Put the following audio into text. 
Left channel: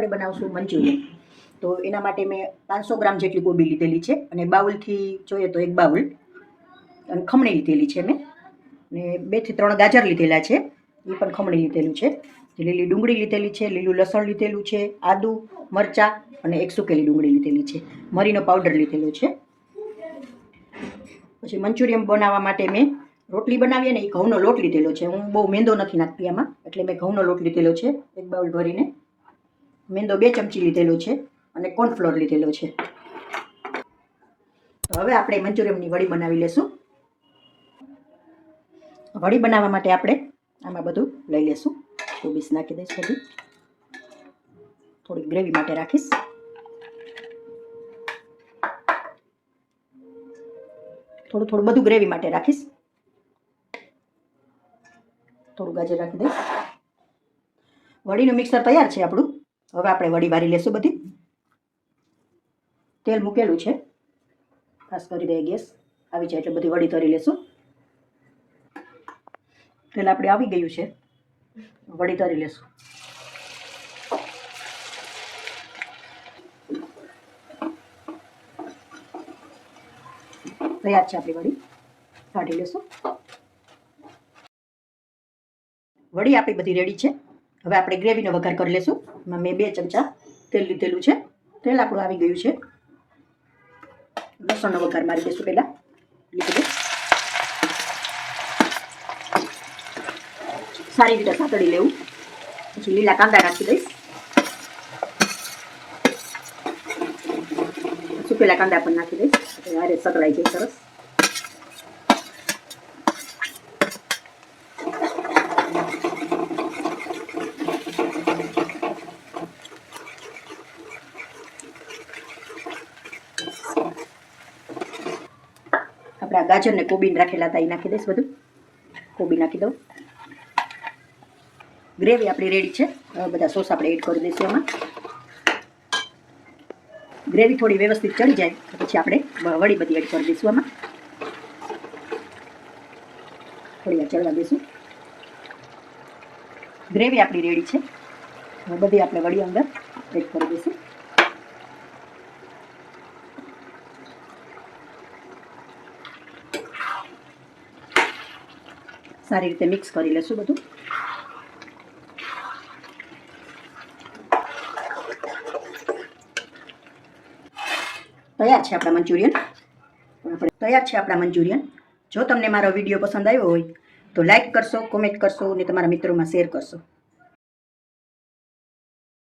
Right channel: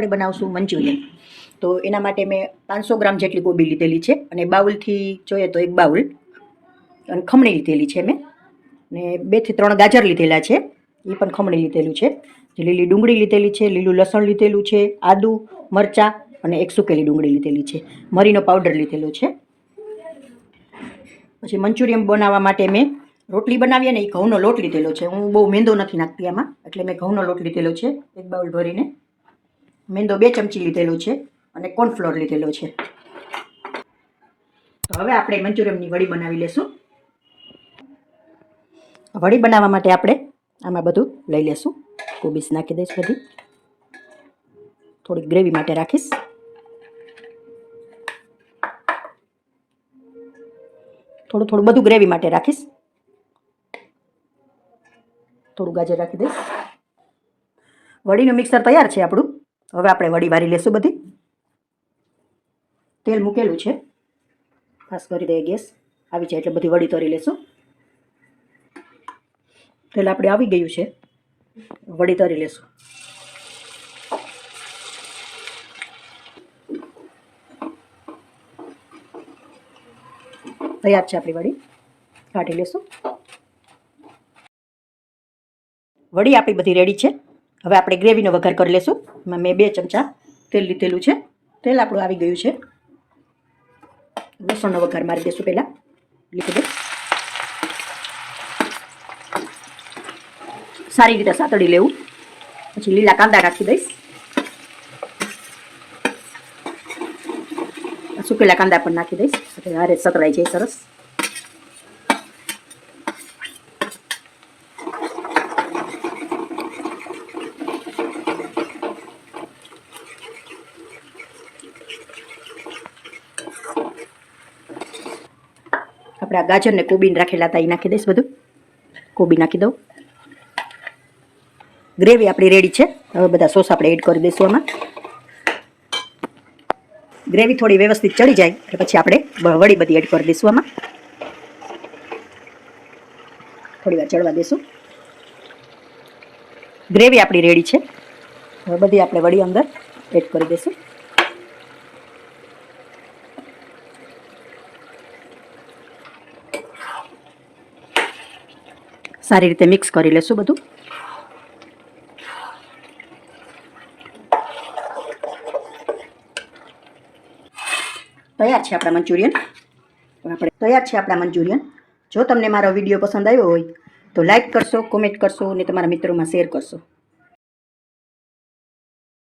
આપણે બનાવશું મંચુરિયન. તો એના માટે મેં 500 ગ્રામ જેટલી કોબી લીધેલી છે અને બાઉલથી જોઈએ તો એક બાઉલ અને ખમણી લીધેલી છે મેં, ને 2 થી 3 ગાજર લીધેલા છે, એ પણ ખમણી લીધેલું છે. લીલી ડુંગળી લીધેલી છે, લીલું લસણ લીધેલું છે, આદું, મરચાં અને એક સુકેલી ડુંગળી લીધેલી છે, મરીનો પાવડર લીધેલો છે. પછી મંચુરિયન બનાવવા માટે મેં રોટલી બનાવીએ ને એ ઘઉંનો લોટ લીધેલો છે. હું બહુ મેંદો નથી નાખતી આમાં, એટલે મેં ઘઉંનો લોટ લીધેલો છે એક બાઉલ ભરીને. મેંદો 2 ચમચી લીધેલો છે અને કોર્નફ્લોર લીધેલો છે. તો હવે આપણે મંચુરિયનની વડી બનાવી લેશું. વડી બનાવવા માટે આપણે આમાં બધું લઈ લેશું. કોબીસ નાખી દઈશ બધી, થોડીક ગ્રેવી માટે રાખીશ. થોડું બધું ગ્રેવી માટે રાખીશ. થોડું ગાજર રાખી દઈશ. વડીનું મિક્સર તૈયાર છે આપણું. હવે આપણે વડી વારી લેશું બધી. તેલ મૂકેલું છે, ખાસ કરી દઈએ ગેસ આવી જાય એટલે બધી વડી તરી લેશું. તેલ આપણે આવી ગયું છે, વડી તરી લેશું. તૈયાર છે આપણી વડી, કાઢી લેશું. વડી આપણી બધી રેડી છે. હવે આપણે ગ્રેવીનો વઘાર કરી લેશું. એમાં મેં 2 ચમચા તેલ લીધેલું છે. તેલ આપણું આવી ગયું છે. લસણનો વઘાર મારી દઈશું પહેલાં. લીધું સારી રીતે સાતળી લેવું. પછી લીલા કાંદા રાખી દઈશ. સુકેલા કાંદા પણ નાખી દઈશ. હારે સતળાઈ જાય સરસ. આપણે આ ગાજર ને કોબીને રાખેલા હતા એ નાખી દઈશ. બધું કોબી નાખી દઉં. ગ્રેવી આપણી રેડી છે. હવે બધા સોસ આપણે એડ કરી દઈશું આમાં. ગ્રેવી થોડી વ્યવસ્થિત ચડી જાય એટલે પછી આપણે વડી બધી એડ કરી દઈશું આમાં. થોડી વાર ચડવા દઈશું. ગ્રેવી આપણી રેડી છે. હવે બધી આપણે વડી અંદર એડ કરી દઈશું. સારી રીતે મિક્સ કરી લેશું બધું. તૈયાર છે આપણા મંચુરિયન. જો તમને મારો વિડીયો પસંદ આવ્યો હોય તો લાઈક કરશો, કોમેન્ટ કરશો અને તમારા મિત્રોમાં શેર કરશો.